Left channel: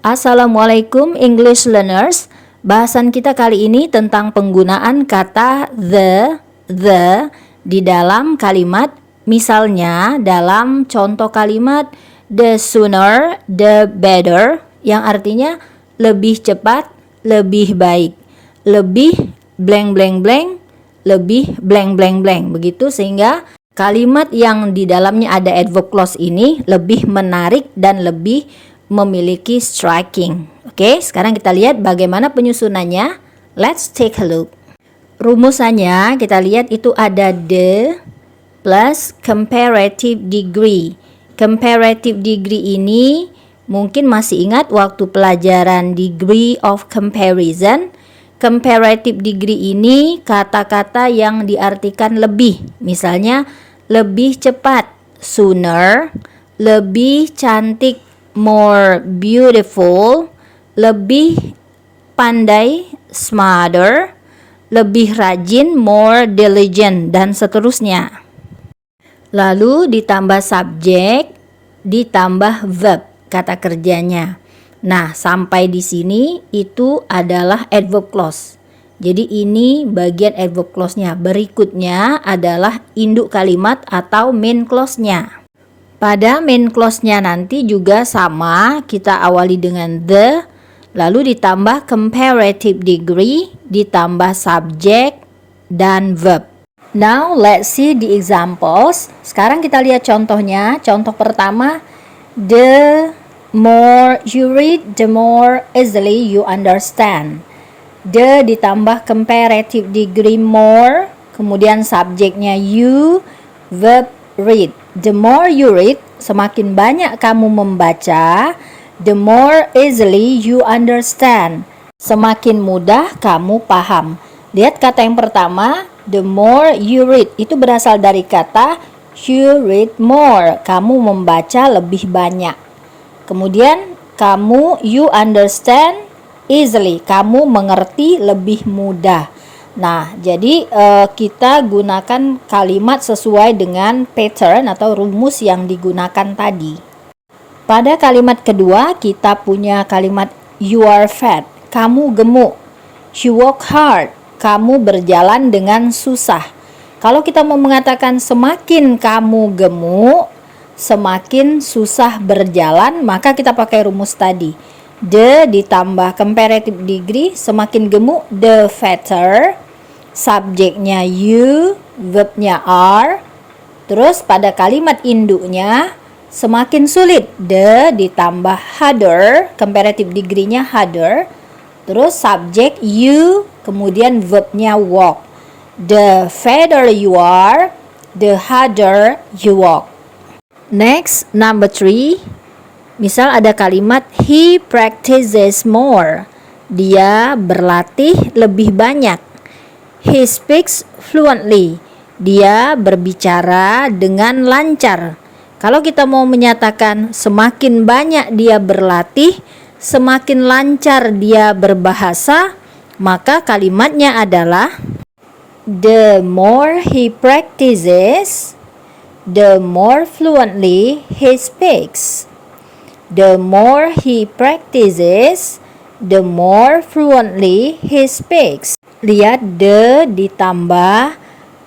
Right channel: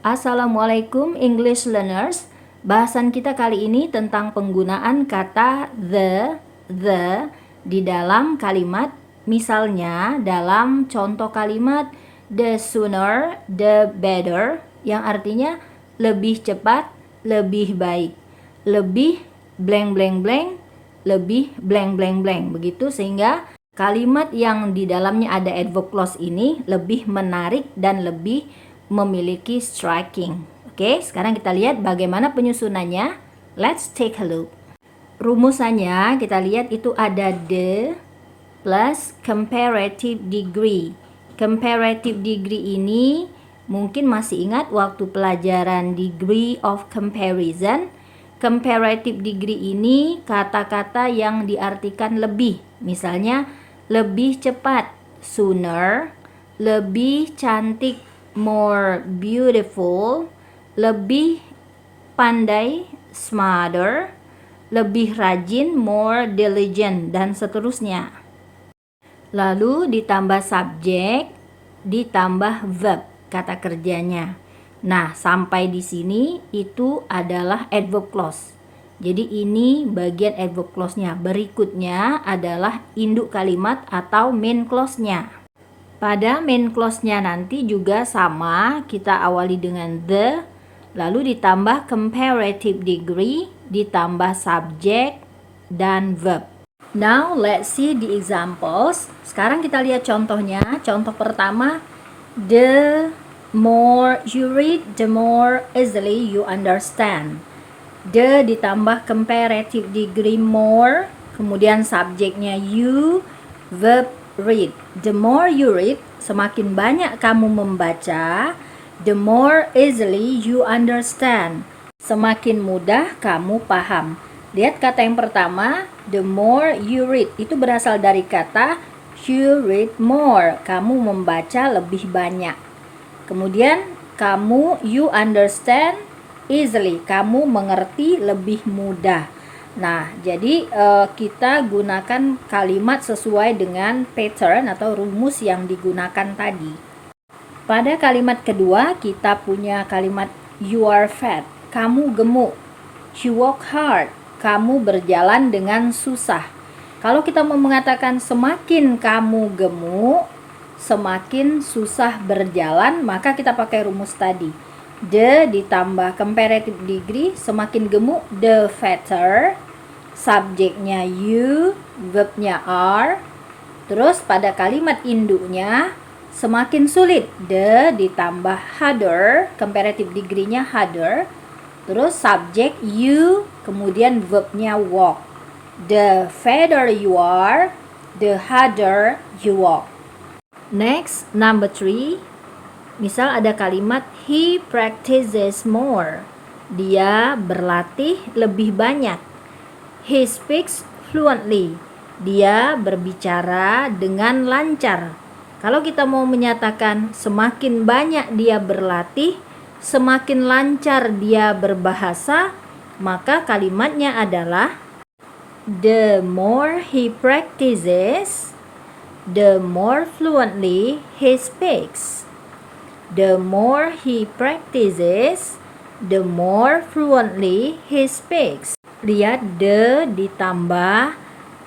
Assalamualaikum English learners. Bahasan kita kali ini tentang penggunaan kata the di dalam kalimat. Misalnya dalam contoh kalimat the sooner the better, yang artinya lebih cepat, lebih baik, lebih blank blank blank, lebih blank blank blank. Begitu, sehingga kalimat yang di dalamnya ada adverb clause ini lebih menarik dan lebih memiliki striking. Oke, sekarang kita lihat bagaimana penyusunannya. Let's take a look. Rumusannya kita lihat itu ada the plus comparative degree. Comparative degree ini mungkin masih ingat waktu pelajaran degree of comparison. Comparative degree ini kata-kata yang diartikan lebih. Misalnya lebih cepat, sooner, lebih cantik, more beautiful, lebih pandai, smarter, lebih rajin, more diligent, dan seterusnya. Lalu ditambah subjek, ditambah verb, kata kerjanya. Nah, sampai di sini itu adalah adverb clause. Jadi ini bagian adverb clause-nya. Berikutnya adalah induk kalimat atau main clause-nya. Pada main clause-nya nanti juga sama, kita awali dengan the, lalu ditambah comparative degree, ditambah subject, dan verb. Now let's see the examples. Sekarang kita lihat contohnya. Contoh pertama, the more you read, the more easily you understand. The ditambah comparative degree more, kemudian subjeknya you, verb read. The more you read, semakin banyak kamu membaca, the more easily you understand. Semakin mudah kamu paham. Lihat kata yang pertama, the more you read, itu berasal dari kata you read more, kamu membaca lebih banyak. Kemudian you understand easily, kamu mengerti lebih mudah. Nah, jadi kita gunakan kalimat sesuai dengan pattern atau rumus yang digunakan tadi. Pada kalimat kedua kita punya kalimat you are fat, kamu gemuk. You work hard, kamu berjalan dengan susah. Kalau kita mau mengatakan semakin kamu gemuk, semakin susah berjalan, maka kita pakai rumus tadi. The ditambah comparative degree, semakin gemuk, the fatter. Subjeknya you, verbnya are. Terus pada kalimat induknya, semakin sulit, the ditambah harder, comparative degree-nya harder. Terus subjek you, kemudian verbnya walk. The fatter you are, the harder you walk. Next, number 3. Misal ada kalimat he practices more. Dia berlatih lebih banyak. He speaks fluently. Dia berbicara dengan lancar. Kalau kita mau menyatakan semakin banyak dia berlatih, semakin lancar dia berbahasa, maka kalimatnya adalah the more he practices, the more fluently he speaks. The more he practices, the more fluently he speaks. Lihat the ditambah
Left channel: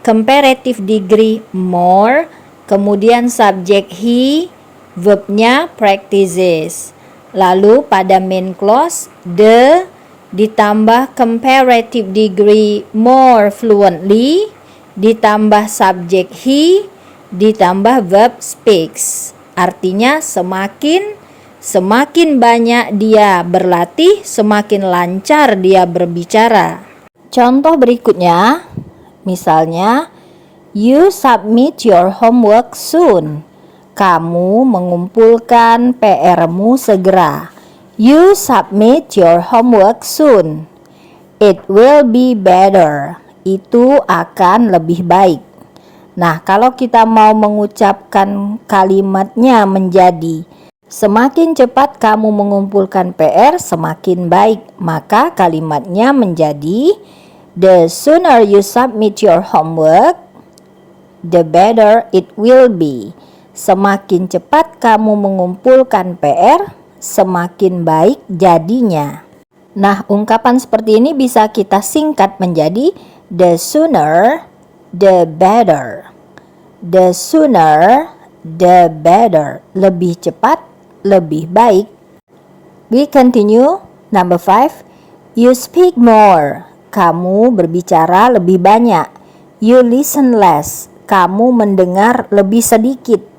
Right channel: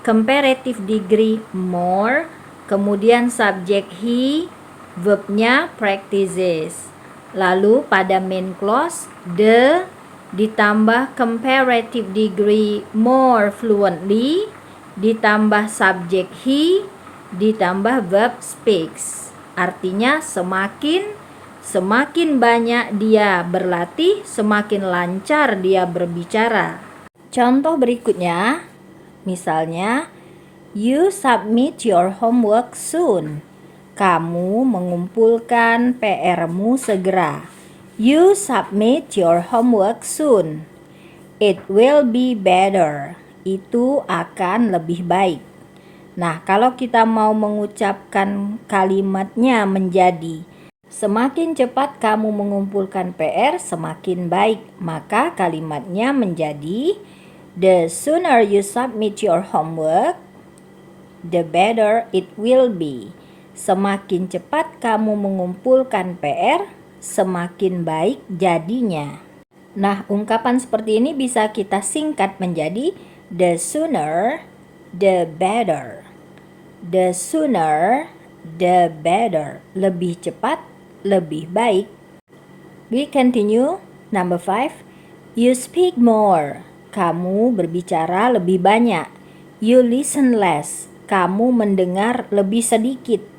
comparative degree more, kemudian subjek he, verbnya practices. Lalu pada main clause the ditambah comparative degree more fluently, ditambah subjek he, ditambah verb speaks. Artinya semakin banyak dia berlatih, semakin lancar dia berbicara. Contoh berikutnya, misalnya, you submit your homework soon. Kamu mengumpulkan PR-mu segera. You submit your homework soon. It will be better. Itu akan lebih baik. Nah, kalau kita mau mengucapkan kalimatnya menjadi semakin cepat kamu mengumpulkan PR, semakin baik, maka kalimatnya menjadi the sooner you submit your homework, the better it will be. Semakin cepat kamu mengumpulkan PR, semakin baik jadinya. Nah, ungkapan seperti ini bisa kita singkat menjadi the sooner, the better. The sooner, the better. Lebih cepat, lebih baik. We continue. Number 5. You speak more. Kamu berbicara lebih banyak. You listen less. Kamu mendengar lebih sedikit.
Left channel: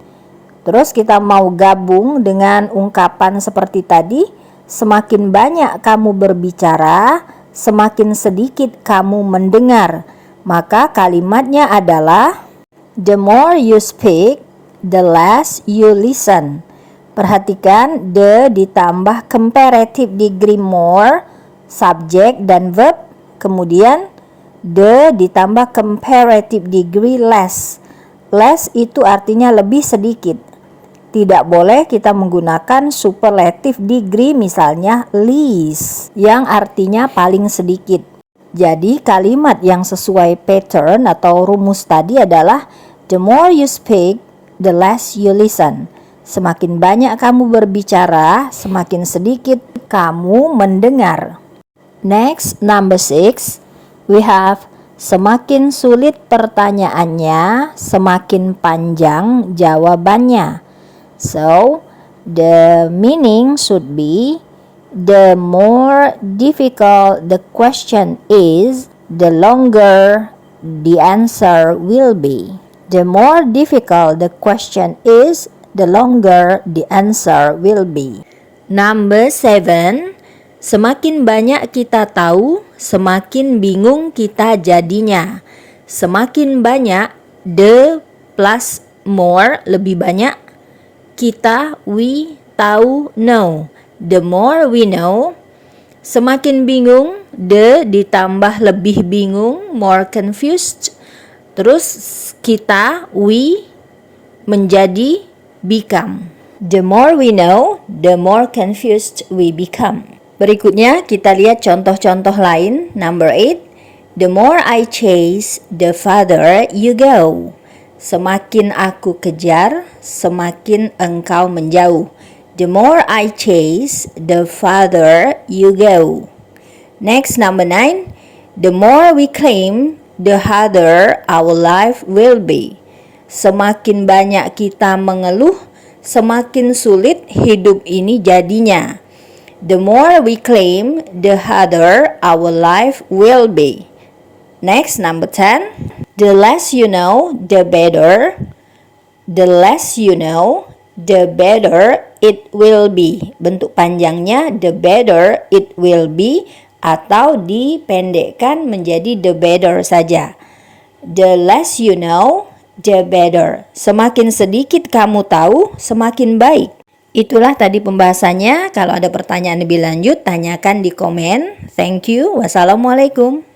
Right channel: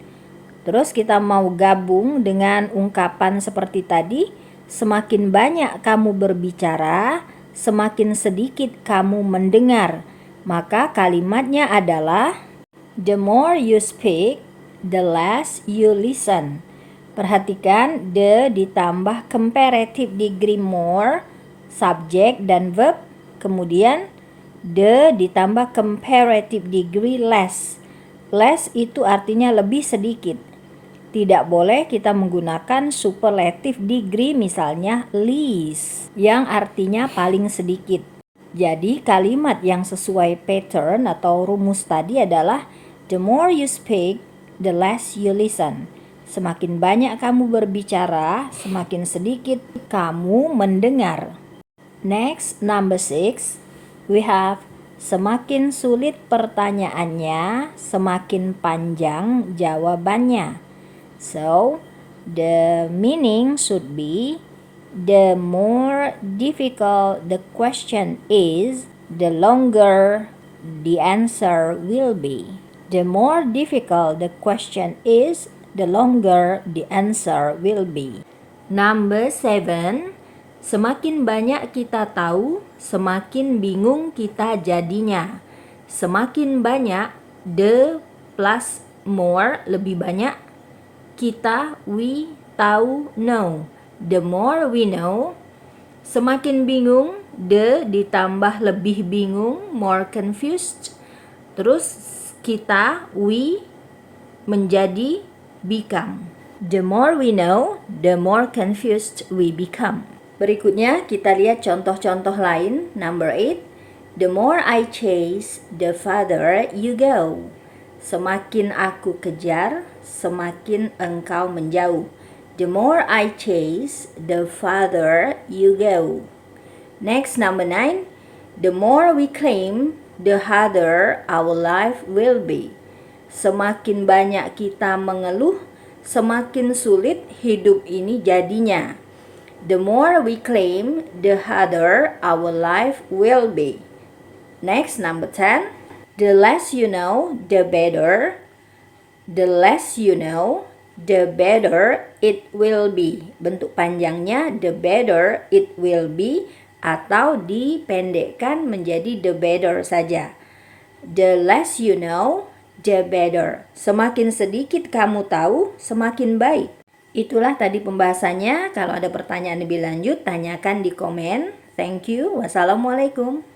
Terus kita mau gabung dengan ungkapan seperti tadi. Semakin banyak kamu berbicara, semakin sedikit kamu mendengar. Maka kalimatnya adalah the more you speak, the less you listen. Perhatikan the ditambah comparative degree more, subjek dan verb. Kemudian the ditambah comparative degree less. Less itu artinya lebih sedikit. Tidak boleh kita menggunakan superlative degree, misalnya least, yang artinya paling sedikit. Jadi kalimat yang sesuai pattern atau rumus tadi adalah the more you speak, the less you listen. Semakin banyak kamu berbicara, semakin sedikit kamu mendengar. Next, number 6, we have semakin sulit pertanyaannya, semakin panjang jawabannya. So, the meaning should be the more difficult the question is, the longer the answer will be. The more difficult the question is, the longer the answer will be. Number 7, semakin banyak kita tahu, semakin bingung kita jadinya. Semakin banyak, the plus more, lebih banyak. Kita, we, tahu, know. The more we know, semakin bingung, the ditambah lebih bingung, more confused. Terus kita, we, menjadi become. The more we know, the more confused we become. Berikutnya kita lihat contoh-contoh lain. Number 8, the more I chase, the farther you go. Semakin aku kejar, semakin engkau menjauh. The more I chase, the farther you go. Next, number 9, the more we claim, the harder our life will be. Semakin banyak kita mengeluh, semakin sulit hidup ini jadinya. The more we claim, the harder our life will be. Next, number 10, the less you know, the better. The less you know, the better it will be. Bentuk panjangnya the better it will be, atau dipendekkan menjadi the better saja. The less you know, the better. Semakin sedikit kamu tahu, semakin baik. Itulah tadi pembahasannya. Kalau ada pertanyaan lebih lanjut, tanyakan di komen. Thank you. Wassalamualaikum.